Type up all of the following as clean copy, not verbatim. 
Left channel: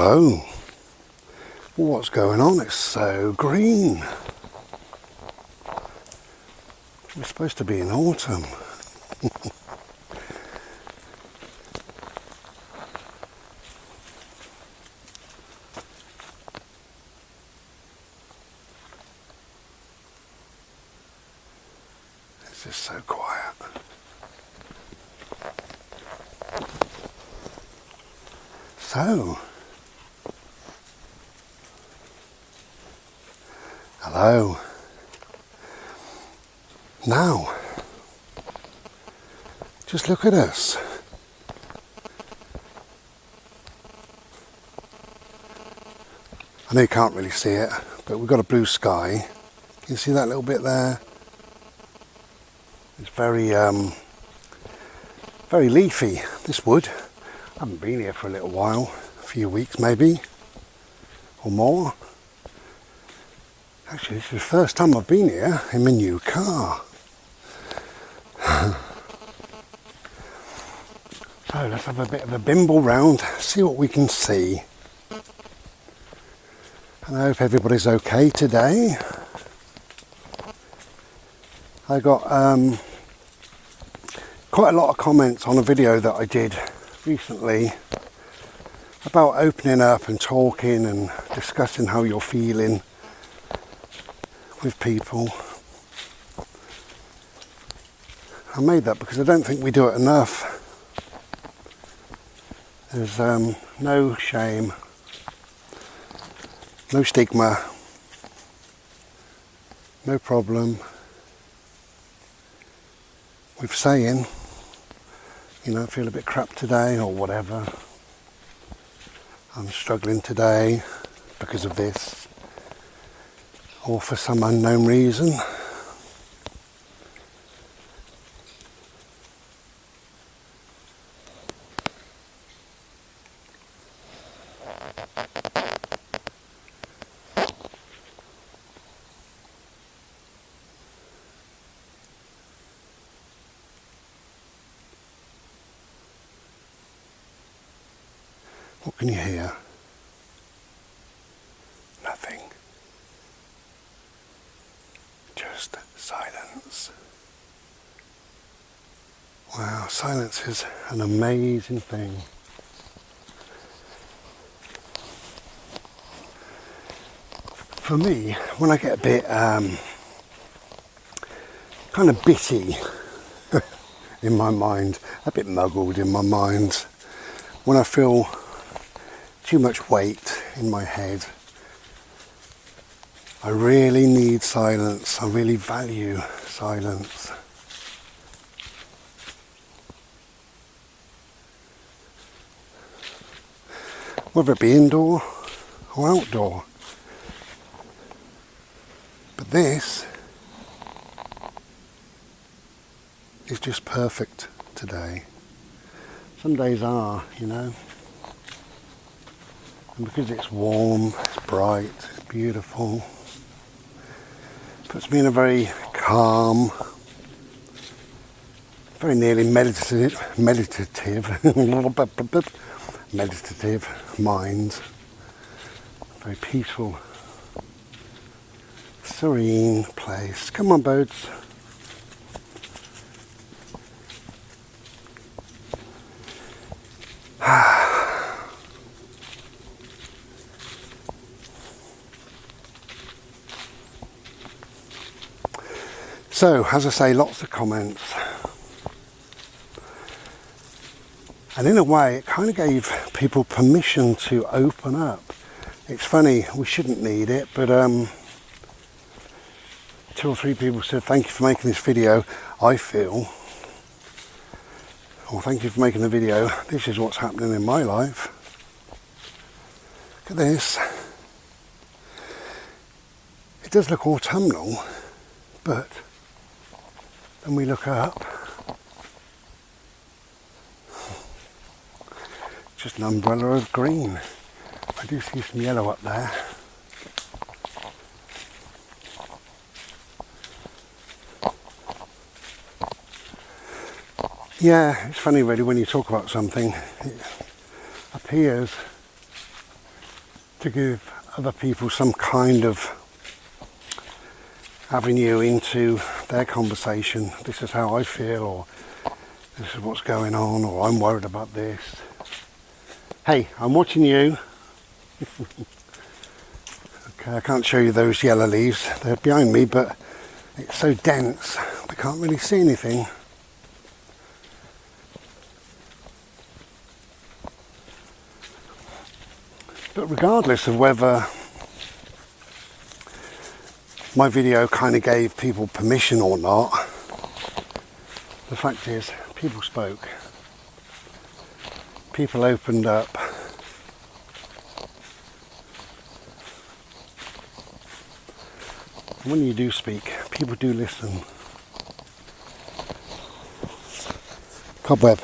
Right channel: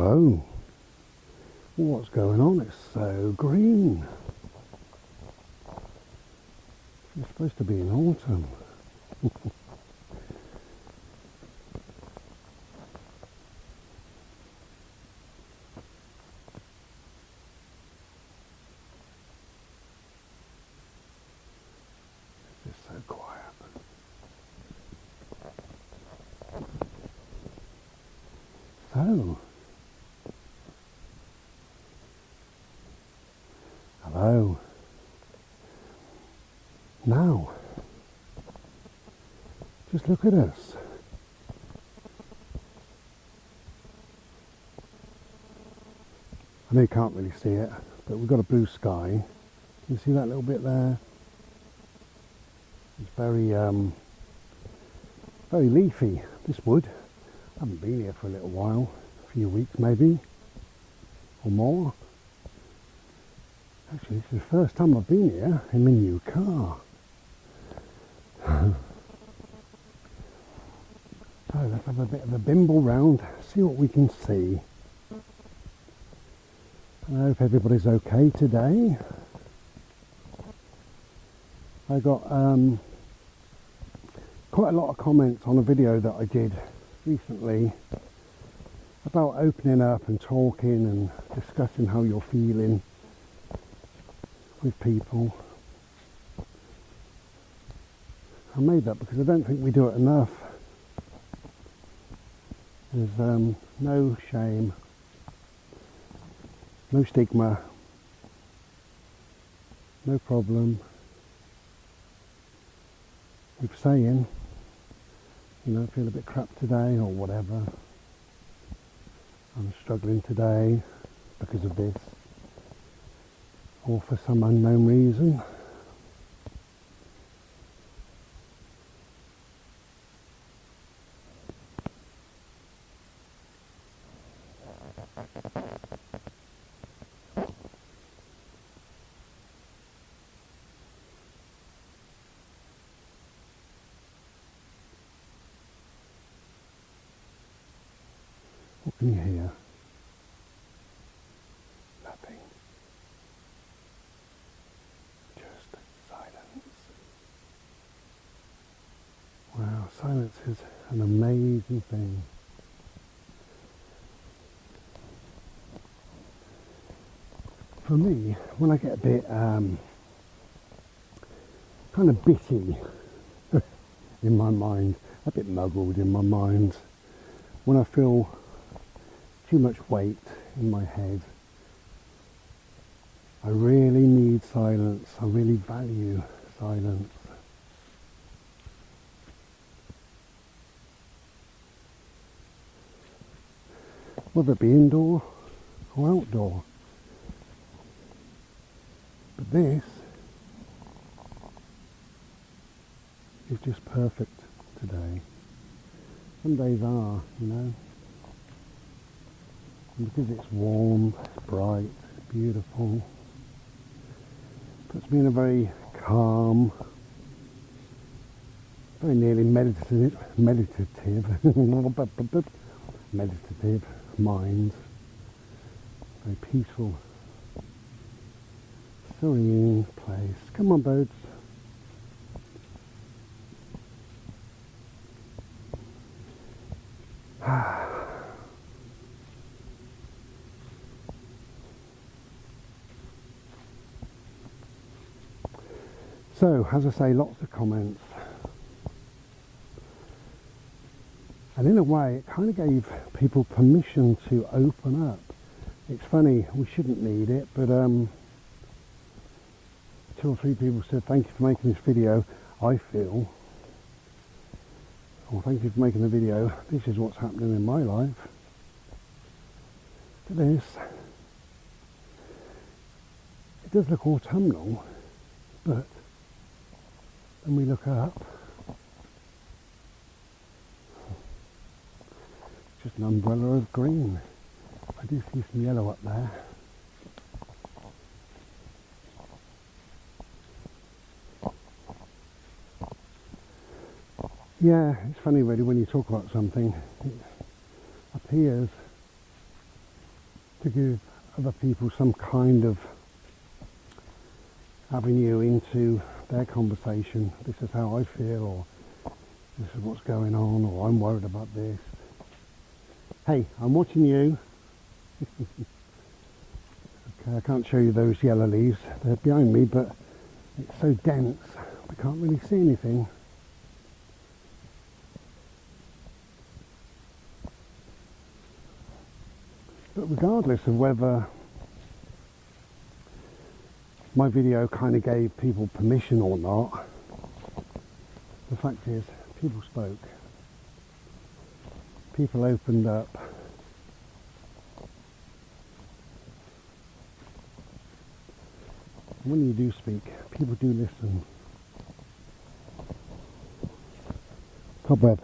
Hello. What's going on? It's so green. We're supposed to be in autumn. It's just so quiet. So, hello. Now, just look at us. I know you can't really see it, but we've got a blue sky. Can you see that little bit there? It's very leafy, this wood. I haven't been here for a little while, a few weeks maybe, or more. Actually, this is the first time I've been here in my new car. So let's have a bit of a bimble round, see what we can see. And I hope everybody's okay today. I got quite a lot of comments on a video that I did recently about opening up and talking and discussing how you're feeling with people. I made that because I don't think we do it enough. There's no shame, no stigma, no problem with saying, you know, I feel a bit crap today or whatever. I'm struggling today because of this or for some unknown reason. What can you hear? Nothing. Just silence. Wow, silence is an amazing thing. For me, when I get a bit kind of bitty in my mind, a bit muggled in my mind, when I feel too much weight in my head, I really need silence. I really value silence. Whether it be indoor or outdoor. But this is just perfect today. Some days are, you know. And because it's warm, it's bright, it's beautiful, it puts me in a very calm, very nearly meditative mind, very peaceful, serene place. Come on, birds. So, as I say, lots of comments. And in a way, it kind of gave people permission to open up. It's funny, we shouldn't need it, but 2 or 3 people said, thank you for making this video. I feel, or thank you for making the video. This is what's happening in my life. Look at this. It does look autumnal, but when we look up, just an umbrella of green. I do see some yellow up there. Yeah, it's funny really when you talk about something, it appears to give other people some kind of avenue into their conversation. This is how I feel, or this is what's going on, or I'm worried about this. Hey, I'm watching you. Okay, I can't show you those yellow leaves. They're behind me, but it's so dense, I can't really see anything. But regardless of whether my video kind of gave people permission or not, the fact is, people spoke. People opened up. And when you do speak, people do listen. Cobweb.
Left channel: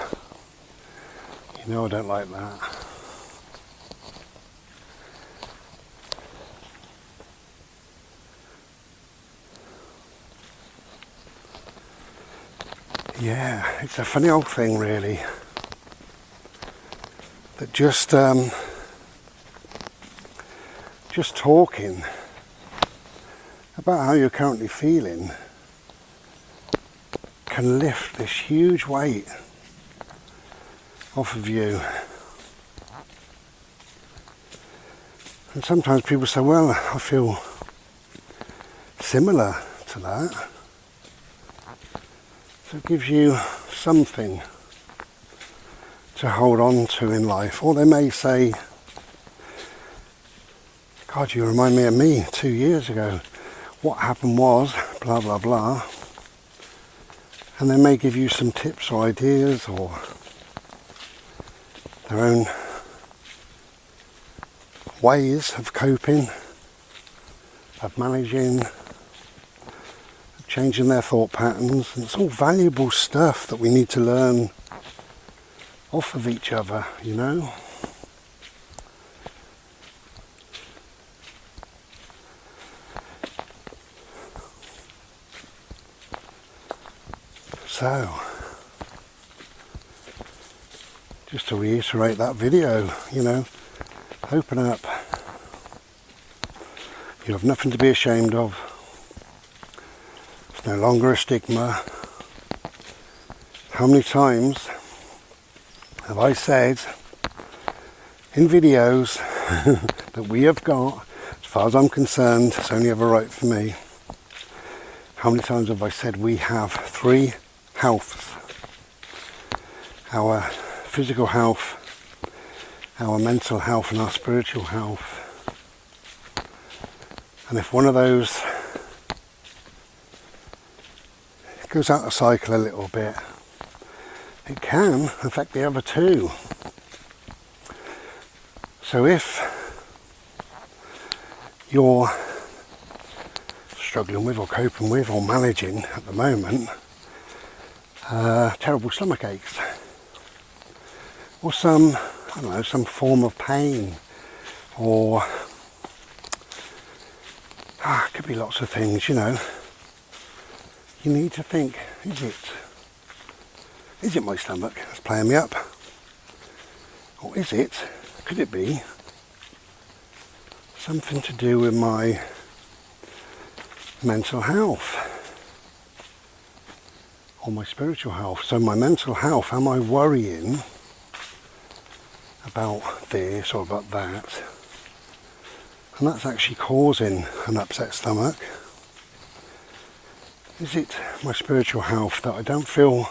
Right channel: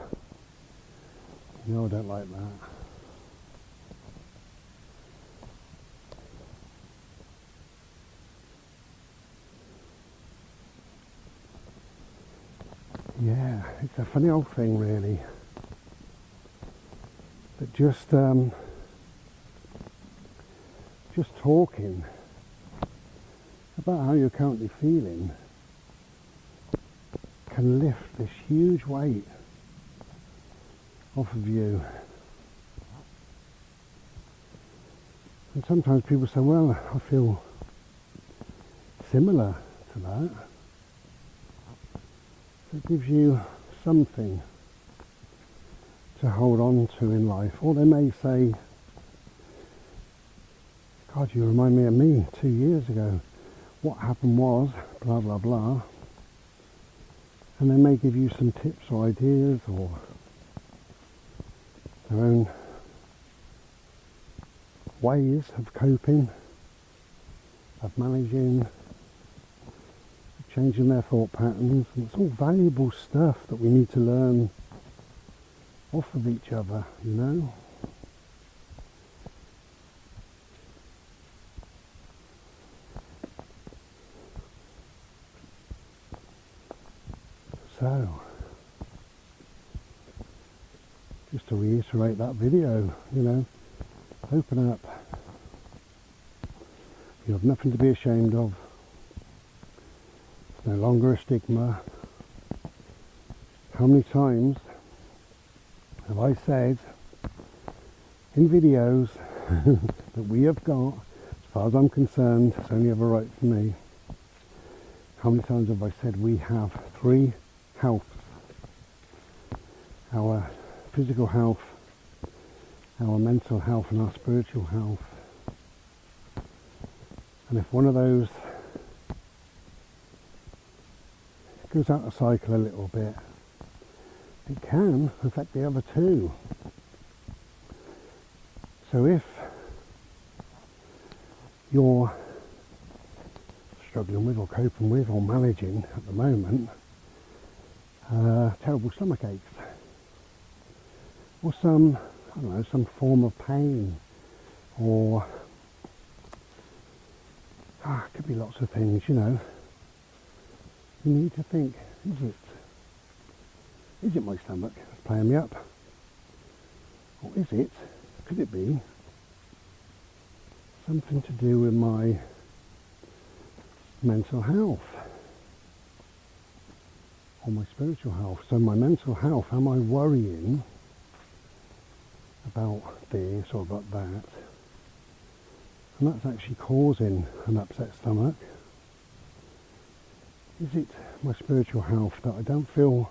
You know I don't like that. Yeah, it's a funny old thing really, that just talking about how you're currently feeling can lift this huge weight off of you. And sometimes people say, well, I feel similar to that. So it gives you something to hold on to in life. Or they may say, God, you remind me of me 2 years ago. What happened was, blah, blah, blah. And they may give you some tips or ideas or their own ways of coping, of managing, changing their thought patterns. And it's all valuable stuff that we need to learn off of each other, you know. So, just to reiterate that video, you know, open up. You have nothing to be ashamed of. It's no longer a stigma. How many times have I said in videos that we have got, as far as I'm concerned, it's only ever right for me. How many times have I said we have 3 healths? Our physical health, our mental health and our spiritual health. And if one of those goes out of cycle a little bit, it can affect the other 2. So if you're struggling with or coping with or managing at the moment terrible stomach aches or some, I don't know, some form of pain, or it could be lots of things, you know, you need to think, is it my stomach that's playing me up? Or could it be something to do with my mental health or my spiritual health? So my mental health, am I worrying about this or about that? And that's actually causing an upset stomach. Is it my spiritual health that I don't feel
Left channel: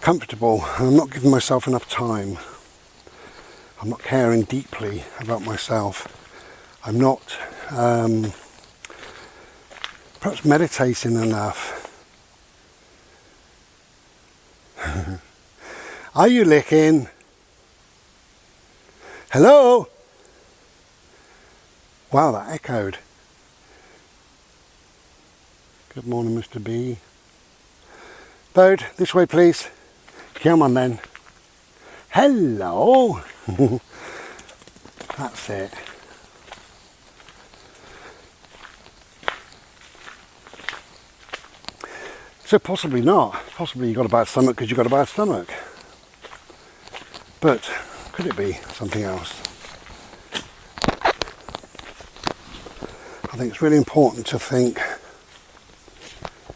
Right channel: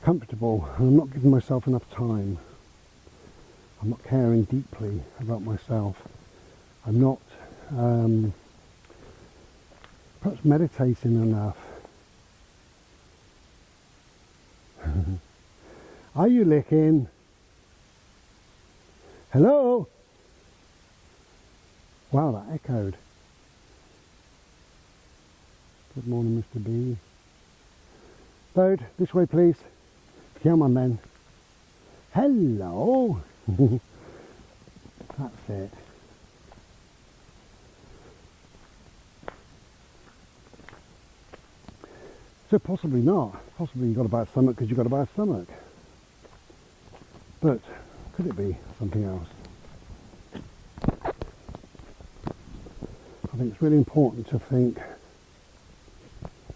comfortable and I'm not giving myself enough time? I'm not caring deeply about myself. I'm not perhaps meditating enough. Are you licking? Hello? Wow, that echoed. Good morning, Mr. B. Bird, this way please. Come on then. Hello. That's it. So possibly not. Possibly you've got a bad stomach because you've got a bad stomach. But could it be something else? I think it's really important to think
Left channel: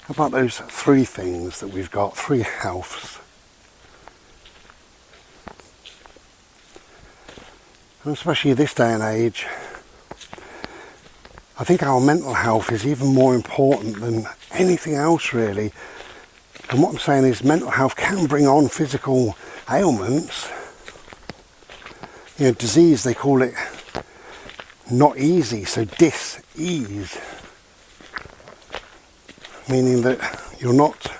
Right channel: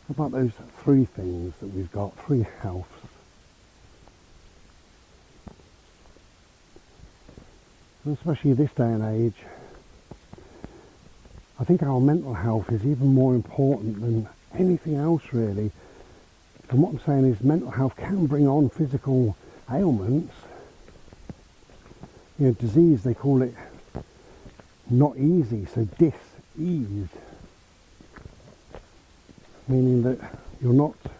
about those three things that we've got, three healths. And especially this day and age, I think our mental health is even more important than anything else really. And what I'm saying is mental health can bring on physical ailments. You know, disease, they call it not easy, so dis-ease. Meaning that you're not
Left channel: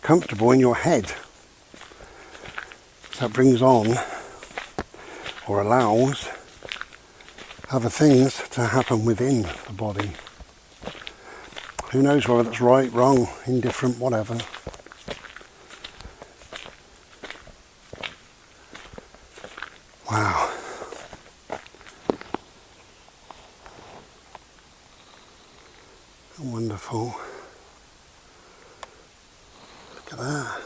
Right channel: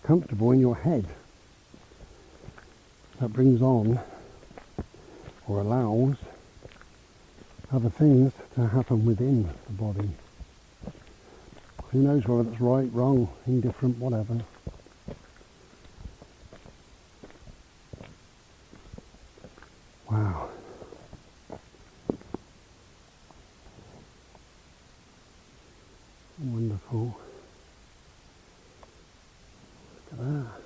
comfortable in your head. So that brings on, or allows, other things to happen within the body. Who knows whether that's right, wrong, indifferent, whatever. Wow. Wonderful. Look at that.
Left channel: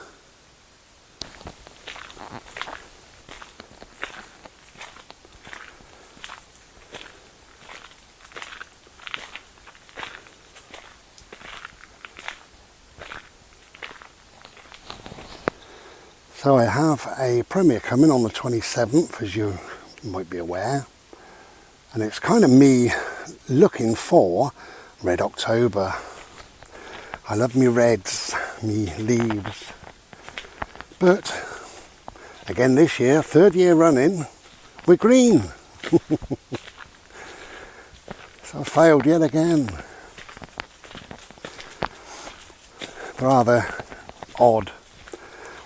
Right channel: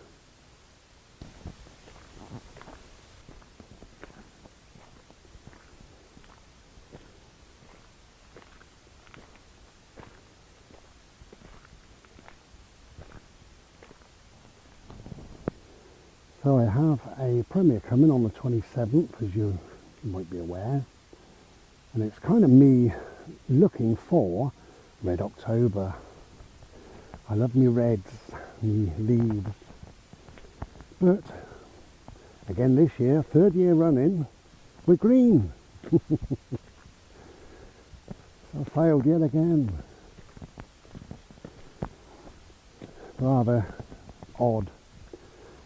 So I have a premiere coming on the 27th, as you might be aware, and it's kind of me looking for Red October. I love me reds, me leaves, but again this year, third year running, we're green. So I failed yet again. Rather odd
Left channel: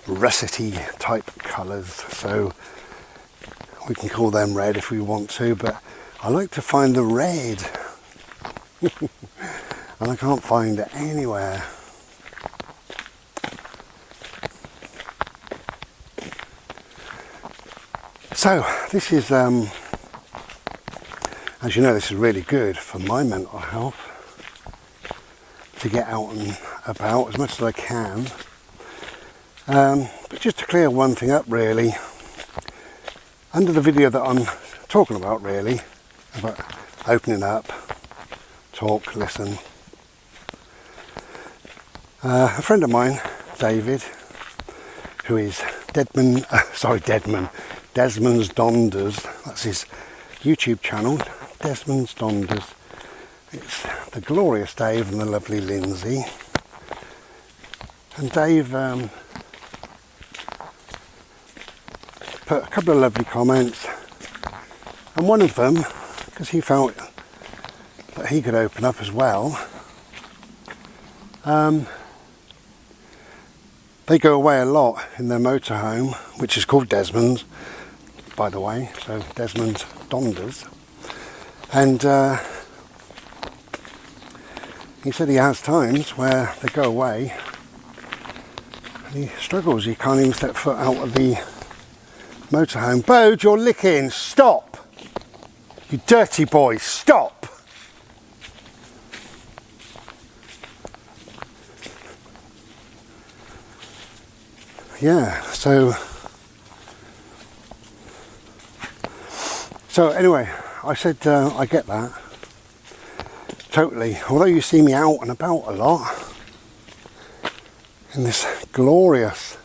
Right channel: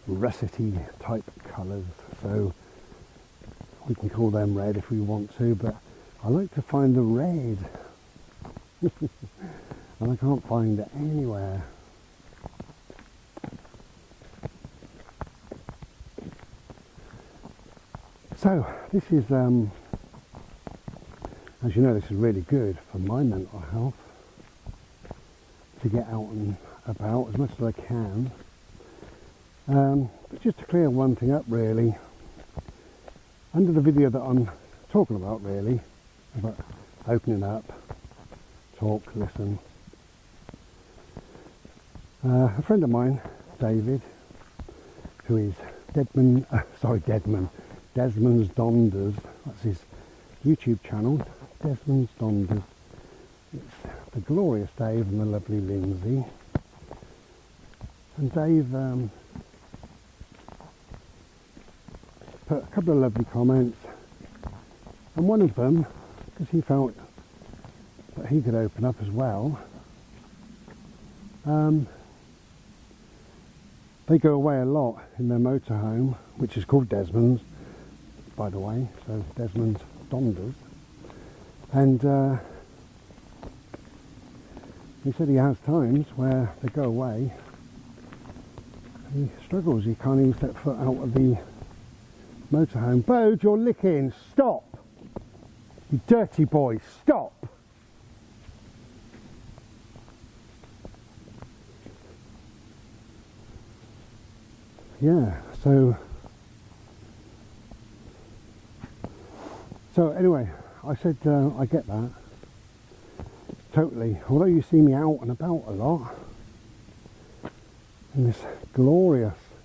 russety type colours, so we can call them red if we want to, but I like to find the red and I can't find it anywhere. So this is as you know, this is really good for my mental health, to get out and about as much as I can. But just to clear one thing up really, under the video that I'm talking about really, about opening up, talk, listen, a friend of mine, David, who is Desmond's Donders, that's his YouTube channel, Desmond's Donders. It's the glorious Dave and the lovely Lindsay. And Dave put a couple of lovely comments, and one of them, because he felt that he could open up as well, they go away a lot in their motorhome, which is called Desmond's, by the way, so Desmond's Donders. And he said he has times where they go away and he struggles, he can't even step foot out of the motorhome. Bode, you're licking, stop! You dirty boy, stop! Yeah, so anyway, I said I get that, totally. Although you see me out and about a lot, in this glorious,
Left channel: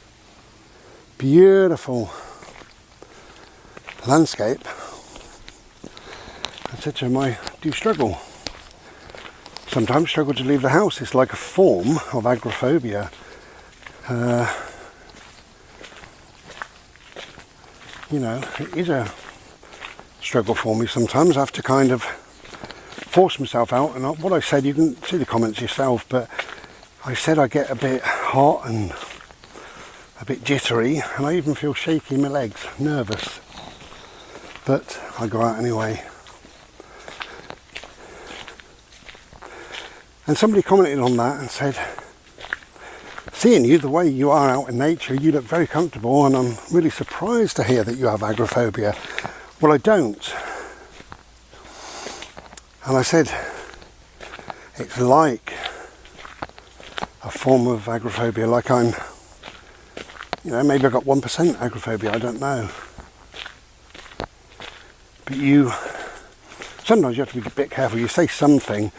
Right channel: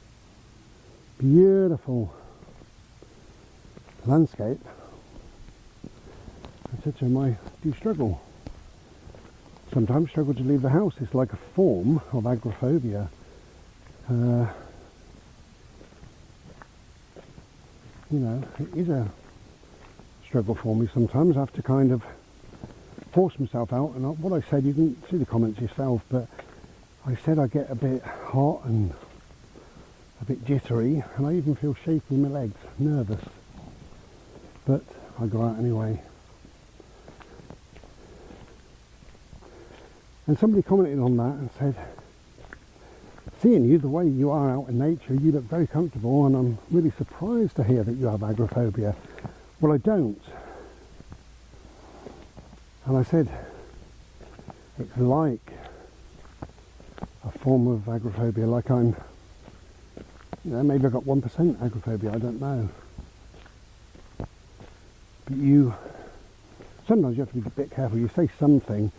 beautiful landscape, I said to him, I do struggle. Sometimes struggle to leave the house. It's like a form of agoraphobia. You know, it is a struggle for me sometimes. I have to kind of force myself out, and what I said, you can see the comments yourself, but I said I get a bit hot and a bit jittery, and I even feel shaky in my legs, nervous, but I go out anyway. And somebody commented on that and said, seeing you the way you are out in nature, you look very comfortable, and I'm really surprised to hear that you have agoraphobia. Well, I don't. And I said, it's like a form of agoraphobia, like I'm, you know, maybe I've got 1% agoraphobia, I don't know. But you sometimes you have to be a bit careful. You say something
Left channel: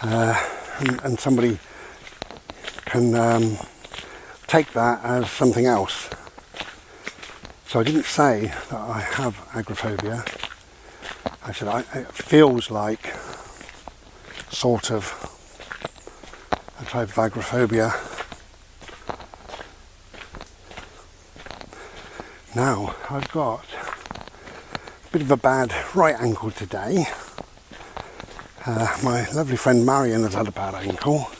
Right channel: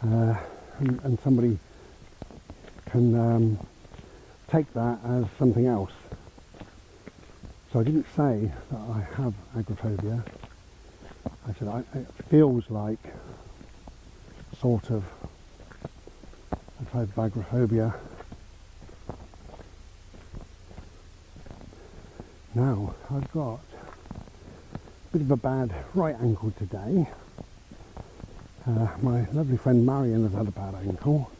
and somebody can take that as something else. So I didn't say that I have agoraphobia. I said it feels like sort of a type of agoraphobia. Now I've got a bit of a bad right ankle today. My lovely friend Marion has had a bad ankle,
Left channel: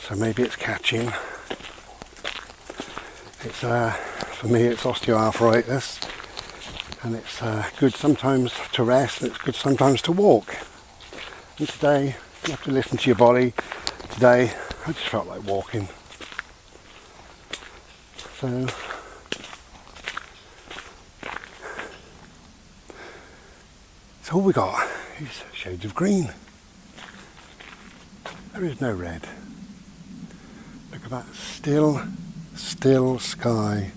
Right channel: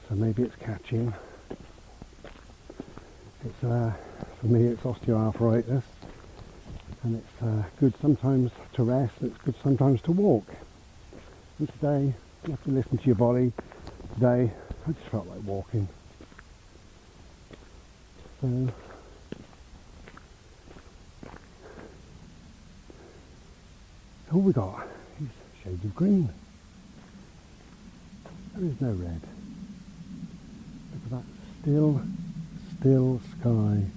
so maybe it's catching. It's for me it's osteoarthritis, and it's good sometimes to rest and it's good sometimes to walk. And today you have to listen to your body. Today I just felt like walking. So all we got is shades of green. There is no red. Look at that still sky.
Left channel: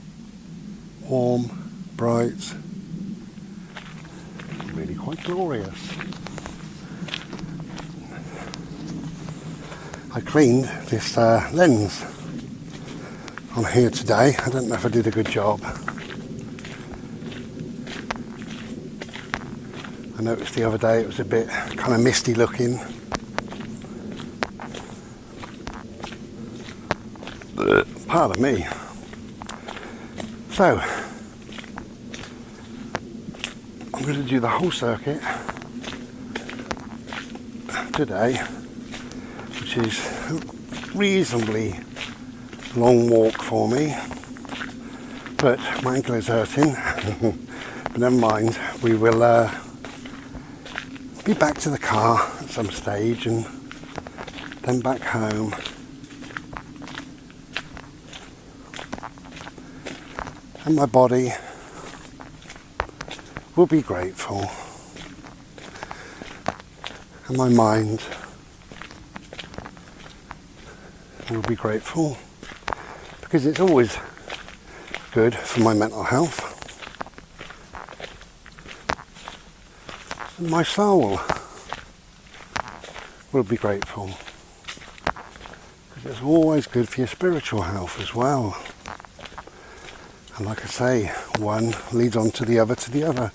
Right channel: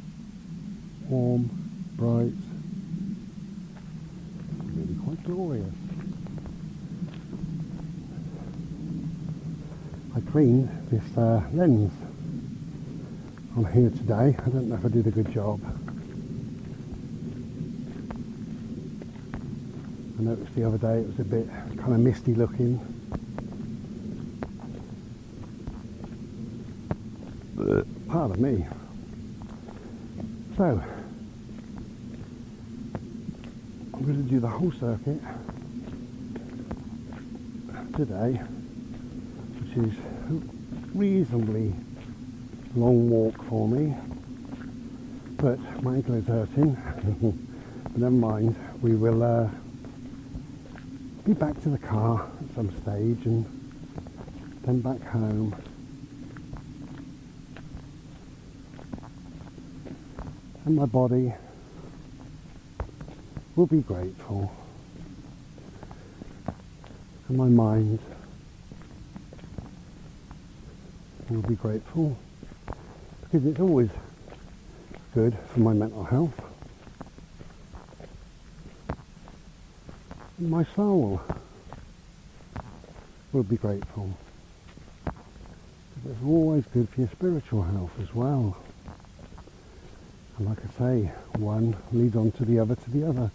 Warm, bright, really quite glorious. I cleaned this lens on here today. I don't know if I did a good job. I noticed the other day it was a bit kind of misty looking. Pardon me. So, I'm going to do the whole circuit today, which is a reasonably long walk for me, but my ankle is hurting. But never mind, we will be back to the car at some stage and then back home. And my body will be grateful, and my mind will be grateful, because it's always good for my mental health. And my soul will be grateful, because it's always good for your spiritual health as well. And like I say, one leads on to the other to the other.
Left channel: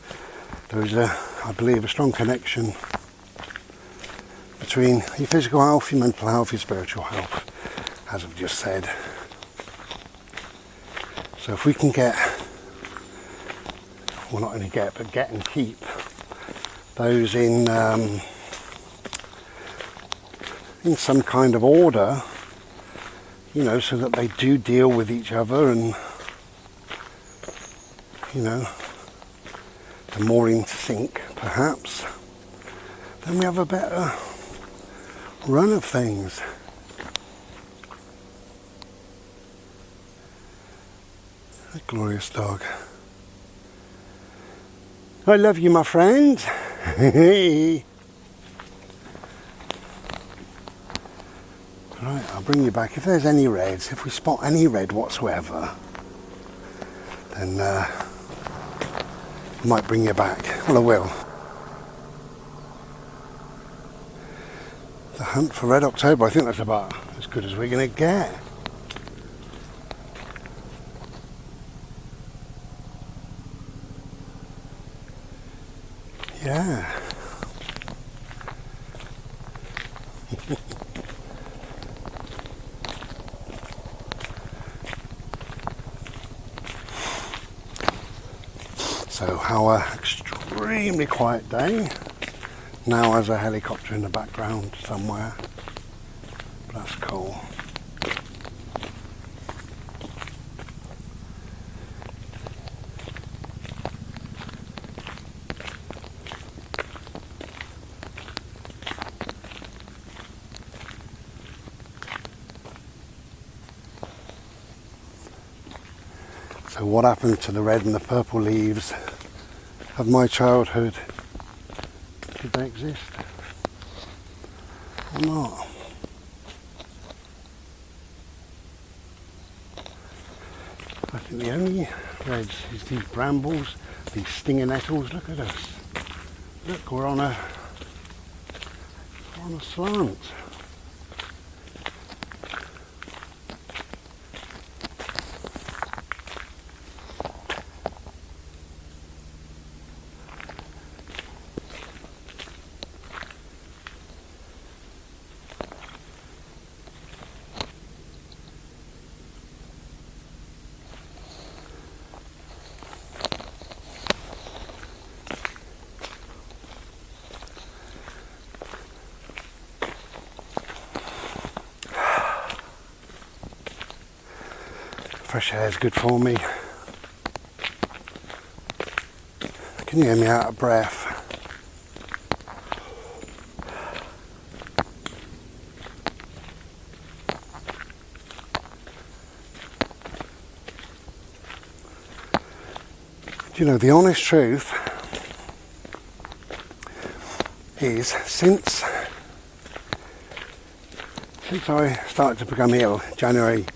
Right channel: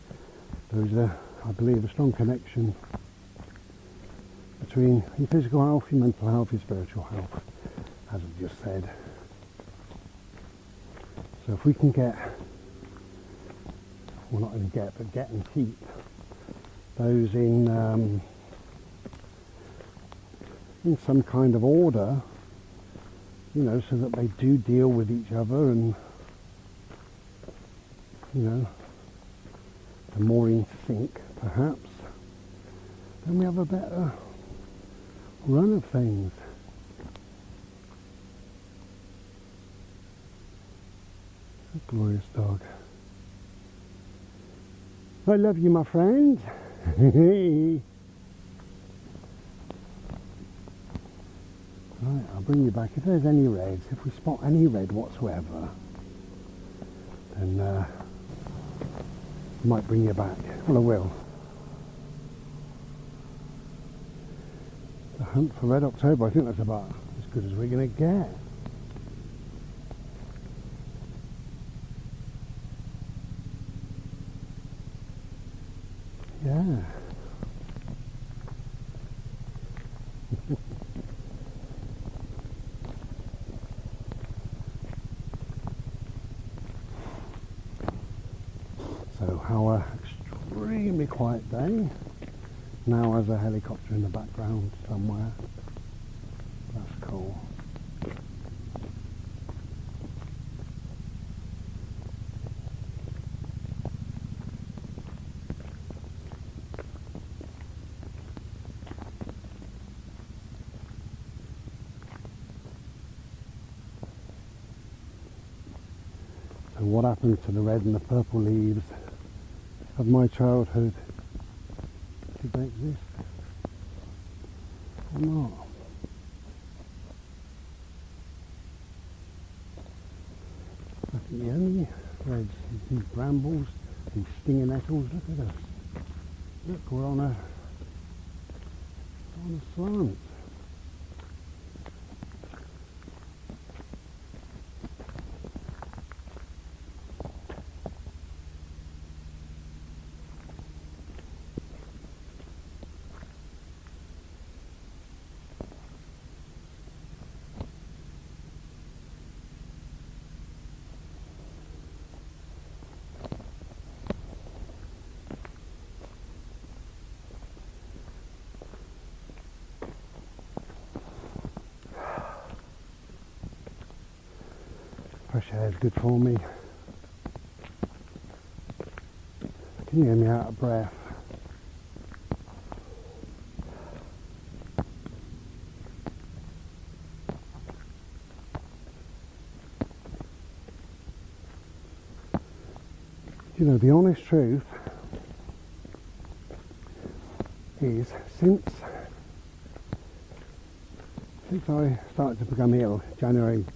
There is I believe, a strong connection between your physical health, your mental health, your spiritual health, as I've just said. So if we can get, well, not only get, but get and keep those in some kind of order, you know, so that they do deal with each other, and you know, they're more in sync, perhaps, then we have a better run of things. A glorious dog. I love you, my friend. Right, I'll bring you back. If there's any reds, if we spot any red whatsoever, then I might bring you back. Well, I will. The hunt for Red October, I think that's about as good as we're going to get. Yeah. So our extremely quiet day now has a helicopter in the background somewhere. That's cool. So what happened to the red and the purple leaves of my childhood? Did they exist or not? I think the only reds is these brambles, these stinger nettles. Look at us. Look, we're on a slant. Fresh air is good for me. Can you hear me out of breath? Do you know, the honest truth is since I started to become ill, January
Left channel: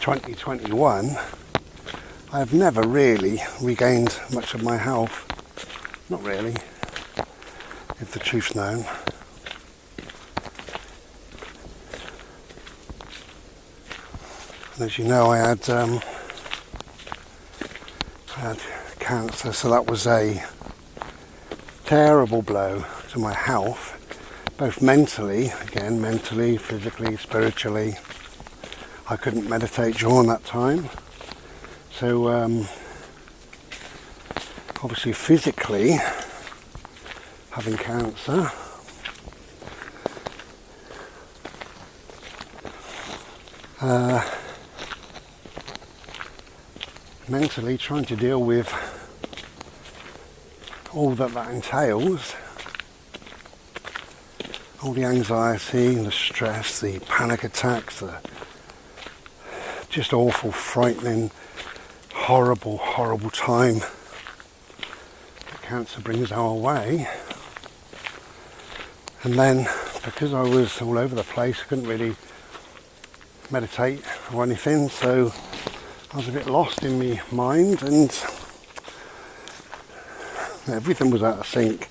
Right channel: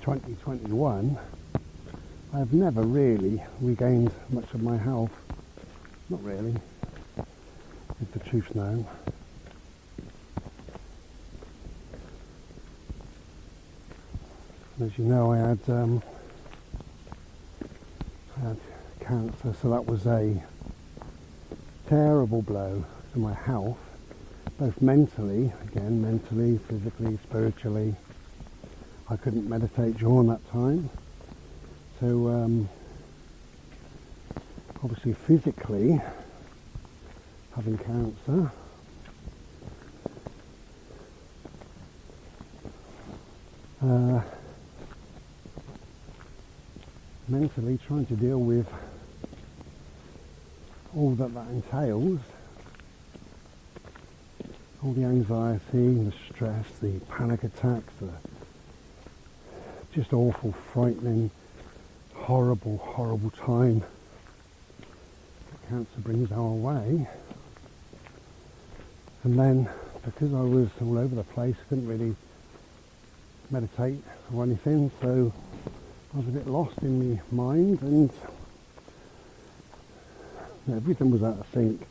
2021, I have never really regained much of my health. Not really, if the truth's known. And as you know, I had cancer, so that was a terrible blow to my health, both mentally, physically, spiritually. I couldn't meditate during that time, so obviously physically having cancer, mentally trying to deal with all that entails, all the anxiety, the stress, the panic attacks, the just awful, frightening, horrible time that cancer brings our way. And then, because I was all over the place, I couldn't really meditate or anything, so I was a bit lost in my mind, and everything was out of sync.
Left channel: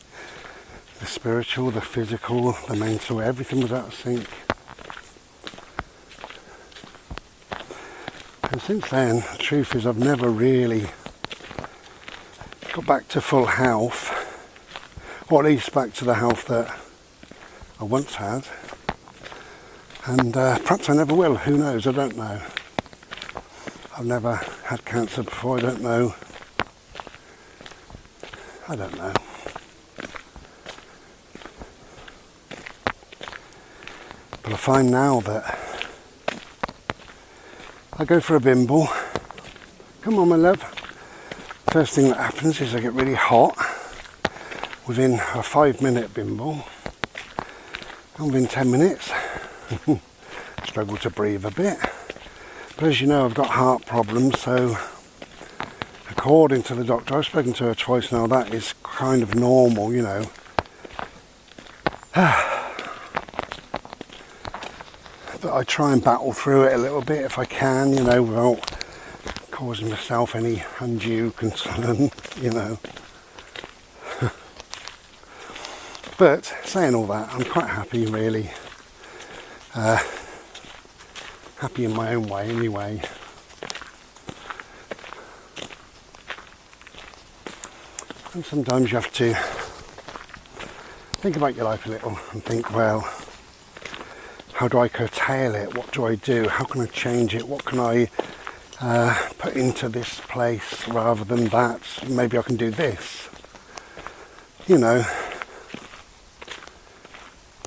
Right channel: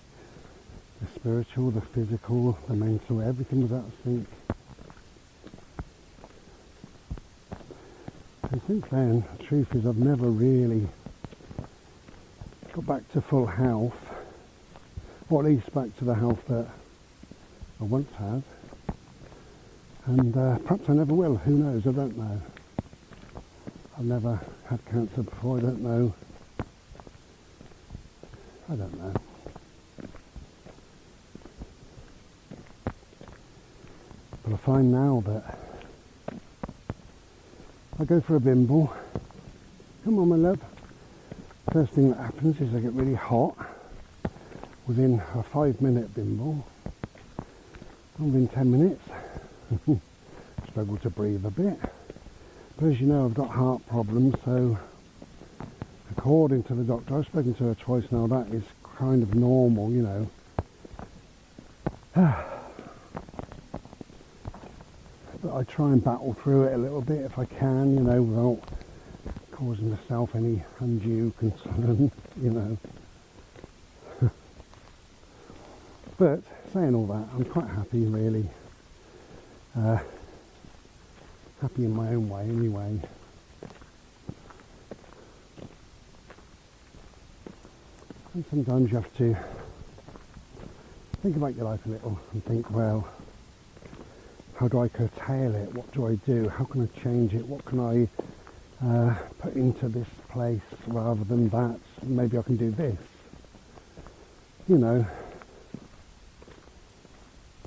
The spiritual, the physical, the mental, everything was out of sync. And since then, the truth is I've never really got back to full health, or at least back to the health that I once had. And perhaps I never will, who knows, I don't know. I've never had cancer before, I don't know. But I find now that I go for a bimble. Come on, my love. First thing that happens is I get really hot within a 5-minute bimble. And within 10 minutes, struggle to breathe a bit. But as you know, I've got heart problems, so according to the doctor, I've spoken to her twice now, that is kind of normal, you know. But I try and battle through it a little bit if I can, you know, without causing myself any undue concern, you know. But saying all that, I'm quite happy, really. Happy in my own way, anyway. And sometimes you have to think about your life a little and think, well, how do I curtail it? What do I do? How can I change it? What can I put into this place rather than that? Maybe I can do this. You know.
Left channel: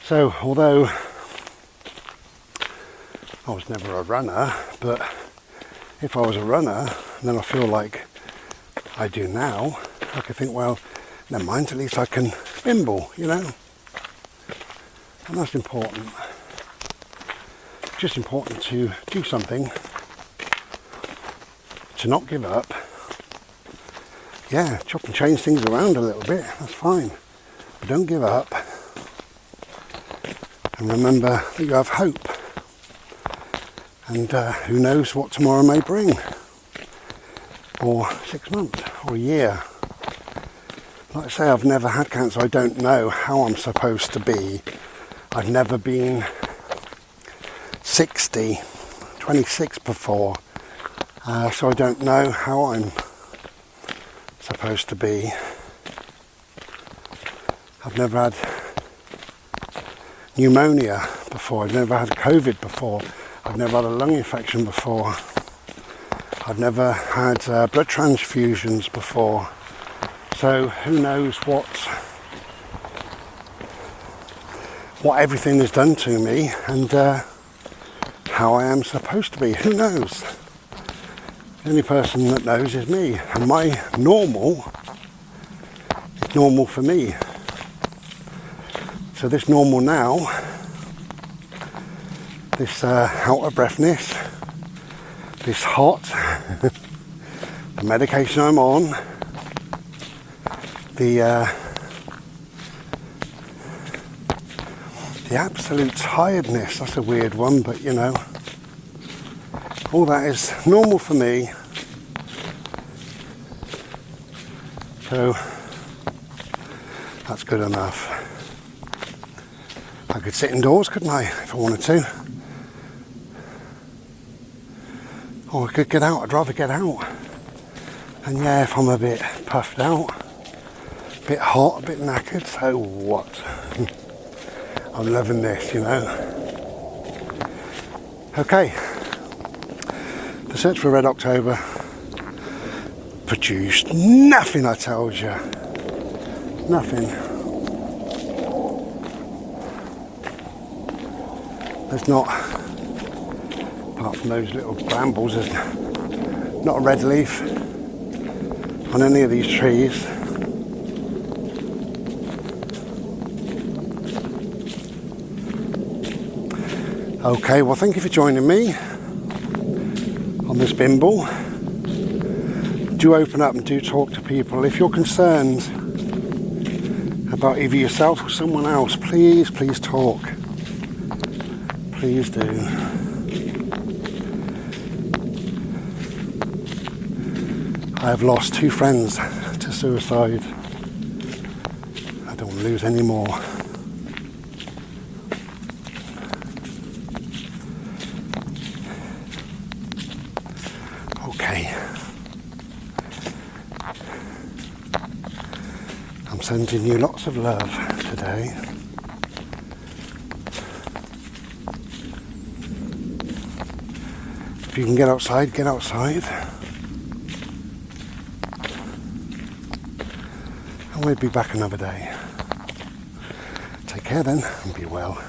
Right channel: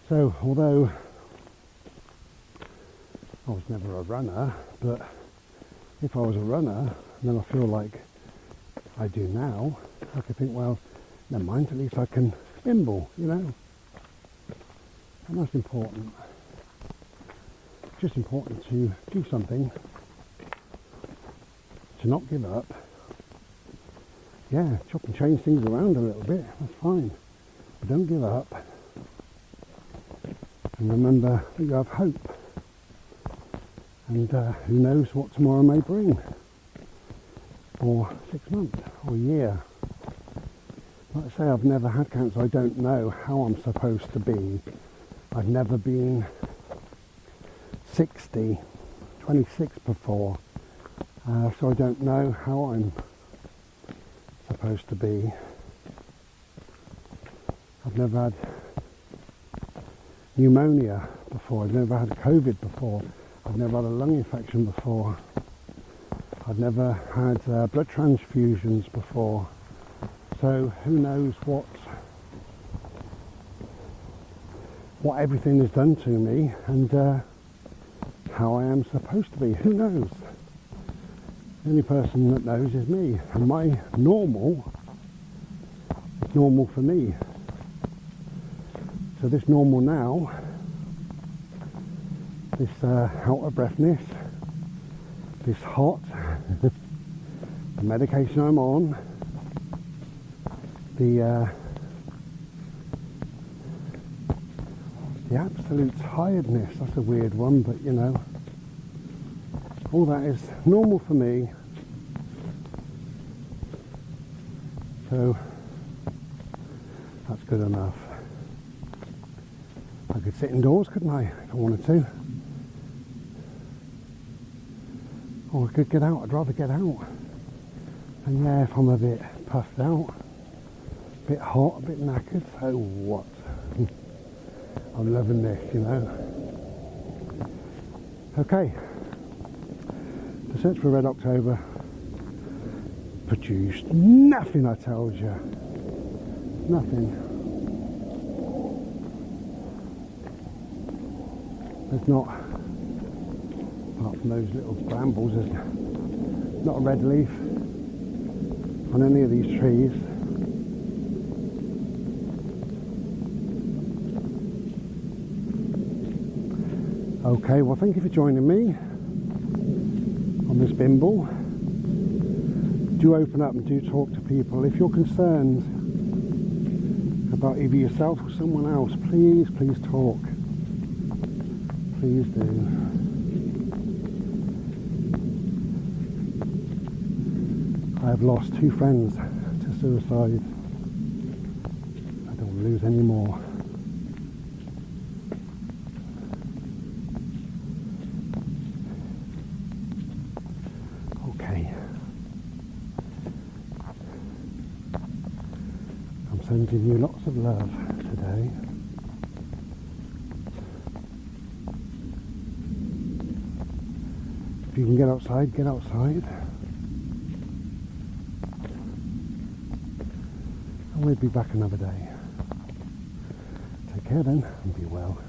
So, although I was never a runner, but if I was a runner, then I feel like I do now, I could think, well, never mind, at least I can bimble, you know. And that's important. Just important to do something, to not give up. Yeah, chop and change things around a little bit, that's fine. But don't give up. And remember that you have hope. And who knows what tomorrow may bring. Or 6 months, or a year. Like I say, I've never had cancer. I don't know how I'm supposed to be. I've never been 60, 26 before. So I don't know how I'm supposed to be. I've never had pneumonia before. I've never had COVID before. I've never had a lung infection before. I've never had blood transfusions before. So who knows what everything has done to me and how I am supposed to be. Who knows? The only person that knows is me. And my normal is normal for me. So this normal now, this out of breathness, this hot, the medication I'm on, the absolute tiredness, that's a weird one, but you know, all that is normal for me. So that's good enough. I could sit indoors, couldn't I, if I wanted to? Or I could get out. I'd rather get out. And yeah, if I'm a bit puffed out, a bit hot, a bit knackered, so what? I'm loving this, you know. Okay. The search for Red October produced nothing, I told you. Nothing. There's not, apart from those little brambles, there's not a red leaf on any of these trees. Okay, well thank you for joining me on this bimble. Do open up and do talk to people. If you're concerned about either yourself or someone else, please talk. Please do. I have lost 2 friends to suicide. I don't want to lose any more. Okay. I'm sending you lots of love today. If you can get outside, get outside. And we'll be back another day. Take care then, and be well.